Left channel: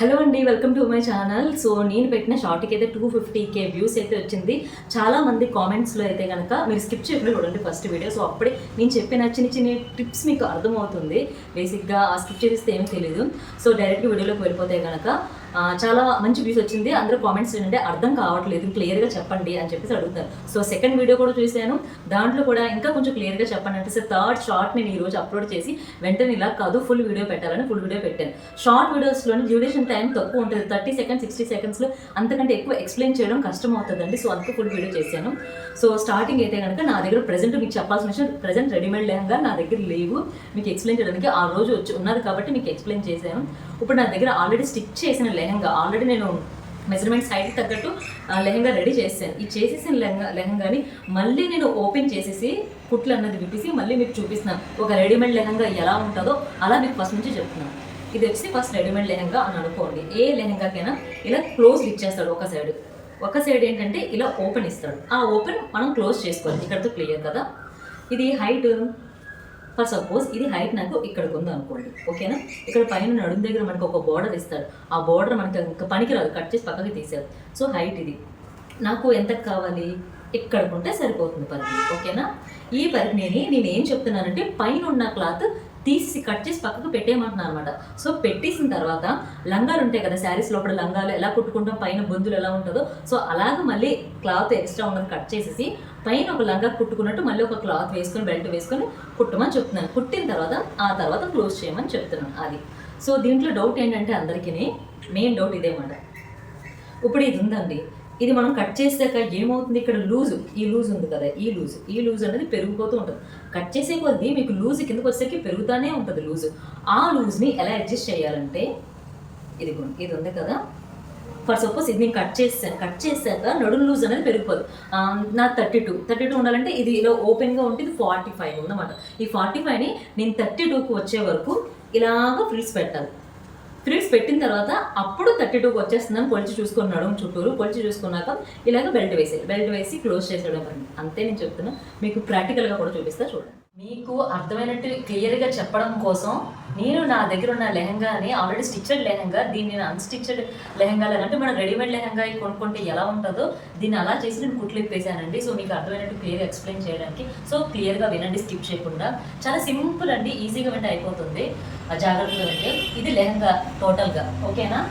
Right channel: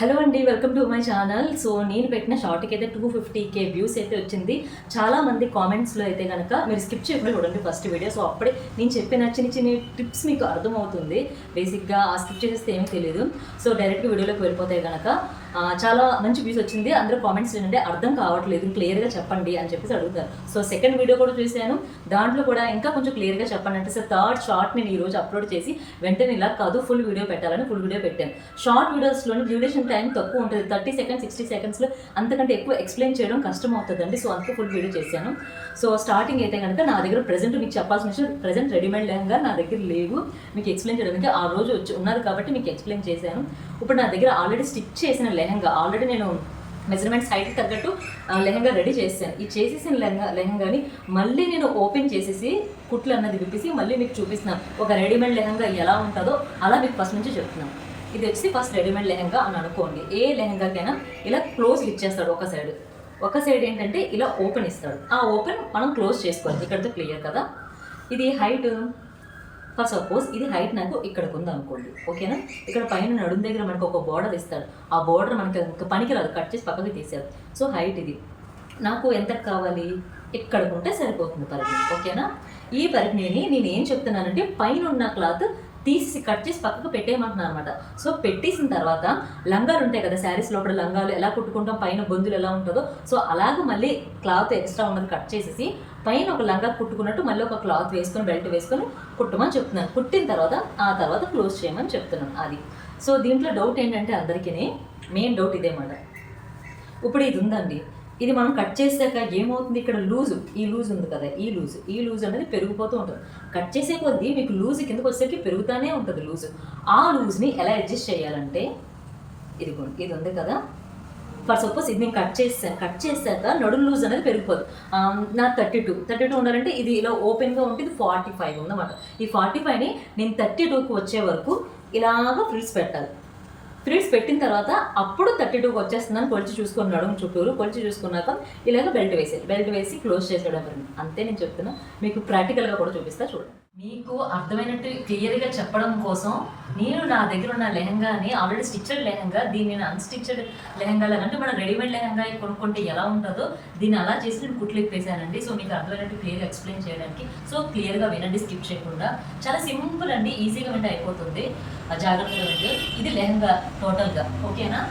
Hello అండి, welcome to my channel. So నేను పెట్టిన షార్ట్కి అయితే 250K వ్యూస్ అయితే వచ్చింది. చాలామంది కామెంట్స్లో అయితే కనుక మీరు స్కిప్ చేయకుండా చూడండి ఫస్ట్ వీడియో. సో అప్పుడే నేను చెప్పిన చిన్న చిన్న టిప్స్ మీకు అర్థమవుతుంది. బేసిక్గా స్కిప్ చేసేస్తే ఏమీ తెలియదు. సో డైరెక్ట్గా వీడియోలోకి వెళ్ళిపోతే కనుక చాలా మంచి వ్యూస్ వచ్చింది. అందరూ కామెంట్స్ ఏంటంటే అర్థం కావట్లేదు, క్లియర్గా చెప్పండి అని చెప్పేసి అడుగుతారు. సో సెకండ్ వీడియో కూడా చూశాను, దాంట్లో కూడా ఇంకా కొంచెం క్లియర్గా చెప్పండి అంటే సో థర్డ్ షార్ట్ నేను ఈరోజు అప్లోడ్ చేసి వెంటనే ఇలా కాదు ఫుల్ వీడియో పెట్టాలని ఫుల్ వీడియో పెట్టాను. షార్ట్ వీడియోస్లోని డ్యూరేషన్ టైం తక్కువ ఉంటుంది, 30 సెకండ్స్ 60 సెకండ్స్లో అంతకంటే ఎక్కువ ఎక్స్ప్లెయిన్ చేయడం కష్టం అవుతుందండి. సో అందుకే ఫుల్ వీడియో చేశాను. సో స్టార్టింగ్ అయితే కనుక నా దగ్గర ప్రెజెంట్ మీకు చెప్పాల్సిన విషయం, ప్రెజెంట్ రెడీమేడ్ లెహంగా నా దగ్గర లేవు మీకు ఎక్స్ప్లెయిన్ చేయడానికి. ఆ రోజు వచ్చి ఉన్నది కాబట్టి మీకు ఎక్స్ప్లెయిన్ చేశాను. ఇప్పుడు నా దగ్గర ఆల్రెడీ స్టిచ్ చేసిన లెహంగా, ఆల్రెడీ నేను మెజర్మెంట్స్ హైట్కి తగ్గట్టు లెహంగా రెడీ చేశాను. ఈ చేసేసిన లెహంగాని మళ్ళీ నేను ఓపెన్ చేసేసి కుట్లు అన్నది విప్పేసి మళ్ళీ మీకు చూపిస్తున్నాను. ఒక రెడీమేడ్ లెహంగా ఎలా ఉంటుందో అలా మీకు ఫస్ట్ నుంచి చెప్తున్నాను. ఇది వచ్చి ఫస్ట్ రెడీమేడ్ లెహంగా అని అనుకోండి. ఏ లెహంగాకైనా ఇలా క్లోజ్ ఇచ్చేస్తాడు ఒక సైడ్ ఏంటంటే ఇలా ఓపెన్ ఇస్తాడు. ఆ ఓపెన్ మనం క్లోజ్ చేసుకోవాలి. ఇక్కడతో క్లియర్ కదా. ఇది హైట్ ఫర్ సపోజ్ ఇది హైట్ నాకు ఇక్కడికి ఉంది అనుకోండి, ఓకేనా. ఇక్కడ పైన నడుము దగ్గర మనకు ఒక బోర్డర్ ఇస్తాడు. ఆ బోర్డర్ మనకి ఇంకా పనికిరాదు, కట్ చేసి పక్కకి తీసారు. సో హైట్ ఇది నాకు ఎంత కావాలి, ఇక్కడికి ఉంటే సరిపోతుంది పరిధిని, ఓకేనా. ఈ పరిధిని నేను ఏం చెప్తున్నానంటే పైన ఉన్న క్లాత్ తీసి కట్ చేసి పక్కకు పెట్టేయమంటున్నాను అనమాట. సో పెట్టేసిన తర్వాత లంగాలు ఉంటాయి కదా, శారీస్ లోపల లంగాలు ఎలా కుట్టుకుంటాం, పైన బొందులు ఎలా ఉంటుందో సో అలాగ మళ్ళీ క్లాత్ ఎక్స్ట్రా ఉన్నది కట్ చేసేసి పైన ఒక లంగా కుట్టుకున్నట్టు మళ్ళీ ఒక క్లాత్ వేసుకొని బెల్ట్ వేసుకొని కుట్టమని చెప్తున్నాను. కుట్టిన తర్వాత ఆ తర్వాత క్లోజ్ చేయమని చెప్తున్నాను అది. సో దీంట్లో డౌట్ ఏంటంటే అందరికీ మెయిన్ డౌట్ ఇదేమాట. ఇప్పుడు ఇది ఉందండి, ఇది మనం కట్ చేసాక ఏమవుతుంది, ఇక్కడ ఈ లూజ్ ఉంది కదా, ఈ లూజ్ అనేది పెరిగిపోతూ ఉంటుంది. కట్ చేసే కొద్దీ మీకు లూజ్ కిందకు వచ్చేసరికి పెరుగుతూనే ఉంటుంది లూజ్. ఆ లూజ్ని ఎలా అడ్జస్ట్ చేయాలంటే ఇది ఉంది కదా, ఫర్ సపోజ్ ఇది నేను కట్ చేశాక నడుము లూజ్ అనేది పెరిగిపోదు. నా 32 ఉండాలంటే ఇది ఇలా ఓపెన్గా ఉంటే ఇది 45 ఉందన్నమాట. ఈ 45ని నేను 32కు వచ్చే వరకు ఇలాగ ఫ్రిల్స్ పెట్టాలి. ఫ్రిల్స్ పెట్టిన తర్వాత అప్పుడు 32కి వచ్చేస్తుందని కొలిచి చూసుకొని నడుము చుట్టూరు కొలిచి చూసుకున్నాక ఇలాగ బెల్ట్ వేసి క్లోజ్ చేసేయడం. అంతే నేను చెప్తున్నా, మీకు ప్రాక్టికల్గా కూడా చూపిస్తా చూడండి. మీకు అర్థమైనట్టు క్లియర్గా చెప్పడం కోసం నేను నా దగ్గర ఉన్న లెహంగాని ఆల్రెడీ స్టిచ్డ్ లెహంగా, దీన్ని నేను అన్స్టిచ్డ్ లెహంగా అంటే మన రెడీమేడ్ లెహంగా కొనుక్కుంటే ఎలా ఉంటుందో దీన్ని అలా చేసి నేను కుట్లు ఇప్పేసానండి. సో మీకు అర్థమైనట్టు క్లియర్గా ఎక్స్ప్లెయిన్ చేయడానికి. సో క్లియర్గా వినండి, స్కిప్ చేయకుండా. చాలా సింపుల్ అండి, ఈజీగా వింటే అయిపోతుంది, జాగ్రత్తగా వింటే. ఇది లెహంగా టోటల్గా, ఓకేనా.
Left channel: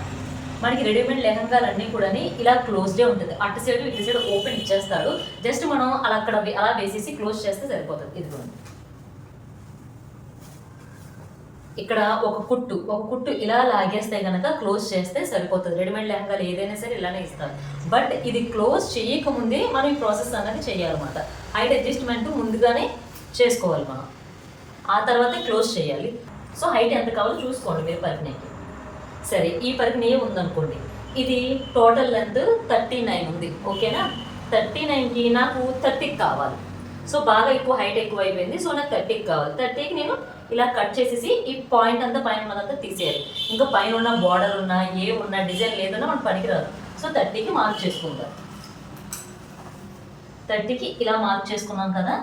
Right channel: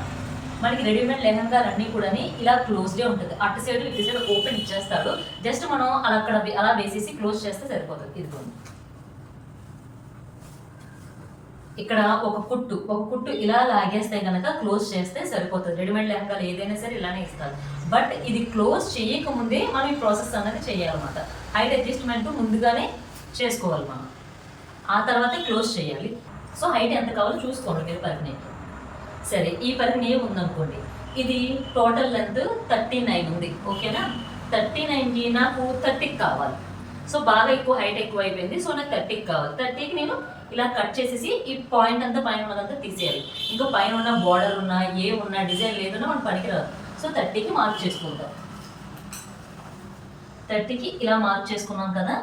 మనకి రెడీమేడ్ లెహంగాలన్నీ కూడా ఇలా క్లోజ్డే ఉంటుంది. అటు సైడ్ ఇటు సైడ్ ఓపెన్ ఇచ్చేస్తాడు. జస్ట్ మనం అలా వేసేసి క్లోజ్ చేస్తే సరిపోతుంది. ఇది కూడా ఇక్కడ ఒక కుట్టు ఇలా లాగేస్తే కనుక క్లోజ్ చేస్తే సరిపోతుంది. రెడీమేడ్ లెహంగాలు ఏదైనా సరే ఇలానే ఇస్తారు. బట్ ఇది క్లోజ్ చేయకముందే మనం ఈ ప్రాసెస్ అనేది చేయాలన్నమాట. హైట్ అడ్జస్ట్మెంట్ ముందుగానే చేసుకోవాలి మనం, ఆ తర్వాత క్లోజ్ చేయాలి. సో హైట్ ఎంత కావాలో చూసుకోండి మీరు పరిధిని. సరే, ఈ పరిధిని ఏముందనుకోండి, ఇది టోటల్ లెంత్ 39 ఉంది, ఓకేనా. 39కి నాకు 30కి కావాలి. సో బాగా ఎక్కువ హైట్ ఎక్కువ అయిపోయింది. సో నాకు 30కి కావాలి. 30కి నేను ఇలా కట్ చేసేసి ఈ పాయింట్ అంతా పైన ఉన్నదంతా తీసేయాలి. ఇంకా పైన ఉన్న బార్డర్ ఉన్నా ఉన్న డిజైన్ లేదన్నా మనకు పనికిరాదు. సో 30కి మార్క్ చేసుకుంటాం. 30కి ఇలా మార్క్ చేసుకున్నాం కదా,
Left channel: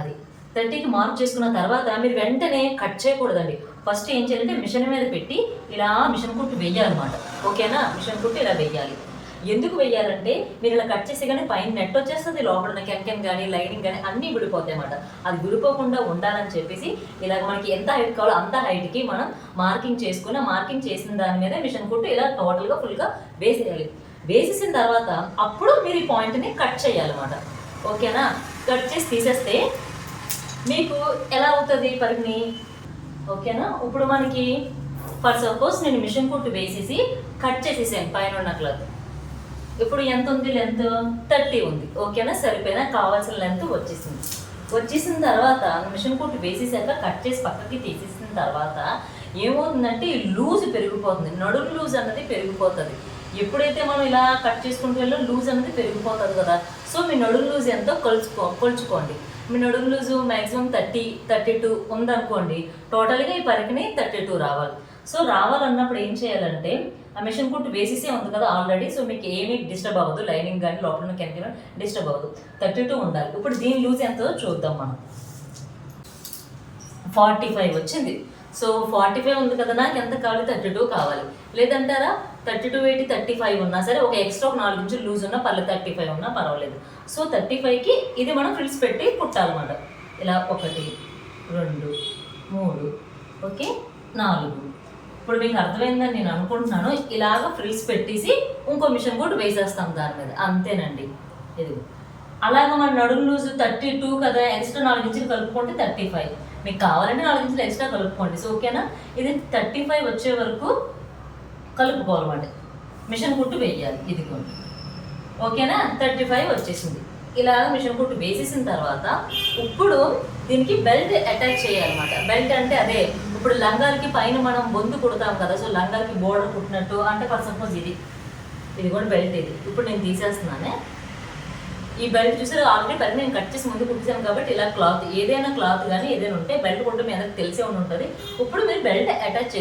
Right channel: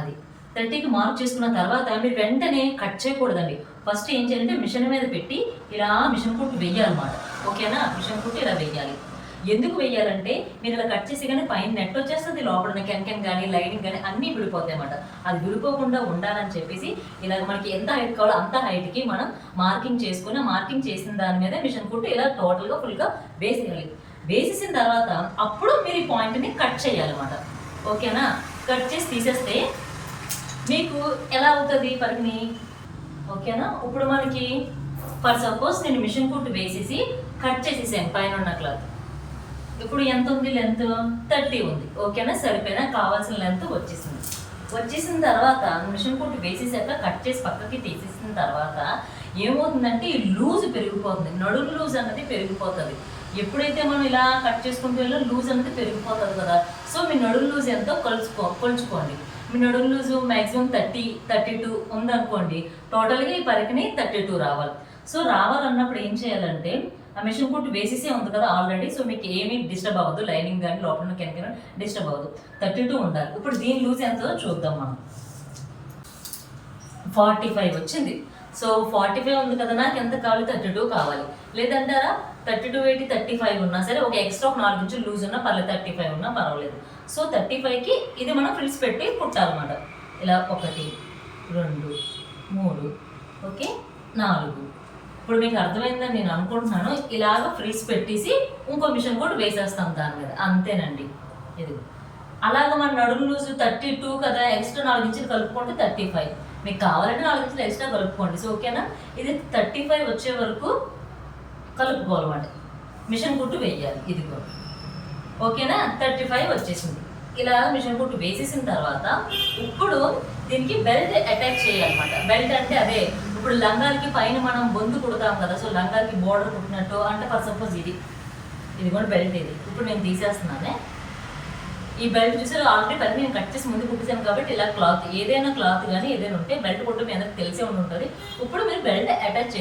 అది 30కి మార్క్ చేసుకున్న తర్వాత మీరు వెంటనే కట్ చేయకూడదండి. ఫస్ట్ ఏం చేయాలంటే మిషన్ మీద పెట్టి ఇలా మిషన్ కుట్టు వెయ్యాలన్నమాట, ఓకేనా. మిషన్ కుట్టు ఇలా వెయ్యాలి. ఎందుకు వెయ్యాలంటే మీరు ఇలా కట్ చేసి కానీ పైన నెట్ వచ్చేస్తుంది, లోపల కెన్ కానీ లైనింగ్ కానీ అన్నీ విడిపోతాయి అన్నమాట. అది విడిపోకుండా ఉండాలని చెప్పేసి ఇలాగ మనకి ఎంత హైట్ కావాలో అంత హైట్కి మనం మార్కింగ్ చేసుకుని, మార్కింగ్ చేసిన దాని మీద మిషన్ కుట్టు ఇలా టోటల్గా ఫుల్గా వేసేయాలి. వేసేసిన తర్వాత అప్పుడు మీరు ఈ పాయింట్ని కట్ చేయాలన్నమాట, ఓకేనా. కట్ చేసి తీసేస్తే మీకు ఎలా అవుతుంది పరిధిని, ఓకేనా. ఇప్పుడు మనకి ఫర్ సపోజ్ నేను మిషన్ కుట్టు వేసేసి కట్ చేసేసాను పైన ఉన్న క్లాత్. ఇప్పుడు ఎంత ఉంది, లెంత్ 30 ఉంది, ఓకేనా. సరిపోయినా కావాల్సిన లెంత్ వచ్చేసిన తర్వాత మిషన్ కుట్టు వేసేసాక కట్ చేసి పక్కకి తీసేసిన తర్వాత ఏమవుతుందంటే ఈ లూజ్ పెరిగిపోతుంది, నడుము లూజ్ అన్నది పెరిగిపోతుంది. ఎప్పుడైతే మనం ఇలా కట్ చేసుకుంటూ వెళ్ళి లూజ్ అనేది పెరిగిపోతుంది కదా. సో మీ నడుము లూజ్ ఎంతో కొలుచుకోండి. మీ నడుము లూజు మ్యాక్సిమం 32 ఉందనుకోండి. టోటల్గా ఈ పరిధిని 32 రావాలి. సో రావాలన్నప్పుడు ఏం చేయాలంటే ఆ మిషన్ కుట్టు వేసేసే ఉంది కదా ఆల్రెడీ. సో మీకు ఏమీ డిస్టర్బ్ అవ్వదు, లైనింగ్ కానీ లోపల కెన్ డిస్టర్బ్ అవ్వదు. 32 ఉండాలి. ఇప్పుడు దీని లూజ్ ఎంతో చూద్దాం మనం. 45 వచ్చింది. సో 45 ఉంది కదా, నాకు ఎంత కావాలి, 32 కావాలి. లేదంటారా 32 80 35 ఉన్నా సరే, ఒక ఎక్స్ట్రా ఒక 4 ఇంచులు లూజ్ ఉన్నా పర్లేదు, 35 ఉన్నా పర్వాలేదు. సో 35కి ఇది మనం ఫ్రిల్స్ పెట్టి కుట్టాలన్నమాట. ఇలా 1 2 3 ఓకే 4. ఇప్పుడు మీకు అర్థమైందని నేను అనుకుంటున్నాను. ఇలాగ ఫ్రిల్స్ పెట్టేసి ఇంకో మిషన్ కూడా వేసేస్తాం దాని మీద, అంతేనండి. ఇది అలాగ మన నడుము లూజ్ 32 కదా, ఎక్స్ట్రా 4 ఇంచులు కలుపుకుంటే 35. మీకు కావాలంటే 4 ఇంచులు ఎక్స్ట్రా కలుపుకోండి. సో ఓకేనా, ఇది 35 వచ్చే వరకు కలుపుకోవాలన్నమాట. మిషన్ కుట్టు వేయాలి. ఇదిగోండి ఓకేనా, 35 వచ్చేసింది. ఇలాగ మిషన్ కుట్టు వేసేసిన తర్వాత ఇప్పుడు దీనికి బెల్ట్ అటాచ్ చేయాలన్నమాట. బెల్ట్ అంటే అదే ఇప్పుడు లంగాలకి పైన మనం బొందు కుడతాం కదా, సో లంగాలకి బోర్డర్ కుట్టినట్టు అంటే ఫర్ సపోజ్ ఇది కూడా బెల్ట్. ఇది ఇప్పుడు నేను తీసేస్తున్నానే. ఈ బెల్ట్ చూసారు ఆల్రెడీ పని నేను కట్ చేసి ముందు కుట్టిసాను కాబట్టి ఇలా క్లాత్, ఏదైనా క్లాత్ కానీ ఏదైనా ఉంటే బెల్ట్ కుట్టు మీ అందరికి తెలిసే ఉంటుంది. ఇప్పుడు మీరు బెల్ట్ అటాచ్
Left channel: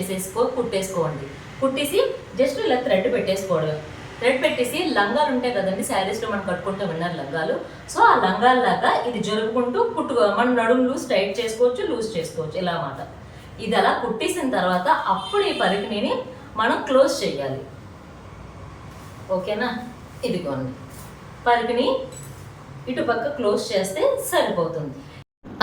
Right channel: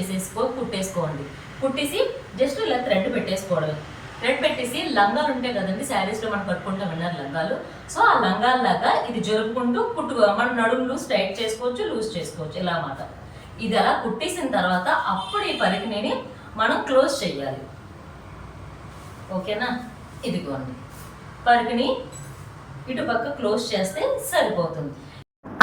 కుట్టేసుకోండి. కుట్టేసి జస్ట్ ఇలా థ్రెడ్ పెట్టేసుకోవడమే. థ్రెడ్ పెట్టేసి లంగాలు ఉంటాయి కదండి, శారీస్లో మనం కట్టుకుంటే విన్నారు లంగాలు. సో ఆ లంగాల్లాగా ఇది జరుపుకుంటూ మనం నడుములు స్ట్రైట్ చేసుకోవచ్చు, లూజ్ చేసుకోవచ్చు ఇలా అన్నమాట. ఇది అలా కుట్టేసిన తర్వాత అప్పుడు ఈ పరికిణిని మనం క్లోజ్ చేయాలి. ఓకేనా, ఇదిగోండి పరికిణి ఇటు పక్క క్లోజ్ చేస్తే సరిపోతుంది.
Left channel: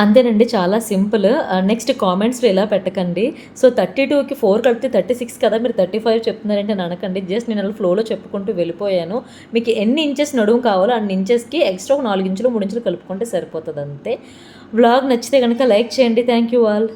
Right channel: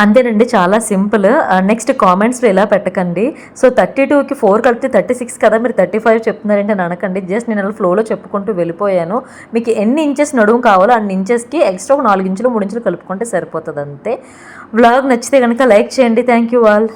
అంతేనండి, చాలా సింపుల్. నెక్స్ట్ కామెంట్స్లో ఇలా పెట్టకండి. సో 32కి 4 కలిపితే 36 కదా, మీరు 35 చెప్తున్నారంటే అని అనకండి. జస్ట్ నేను అలా ఫ్లోలో చెప్పుకుంటూ వెళ్ళిపోయాను. మీకు ఎన్ని ఇంచెస్ నడుము కావాలో అన్ని ఇంచెస్కి ఎక్స్ట్రా ఒక 4 ఇంచులు 3 ఇంచులు కలుపుకుంటే సరిపోతుంది అంతే. వ్లాగ్ నచ్చితే కనుక లైక్ చేయండి. Thank you all.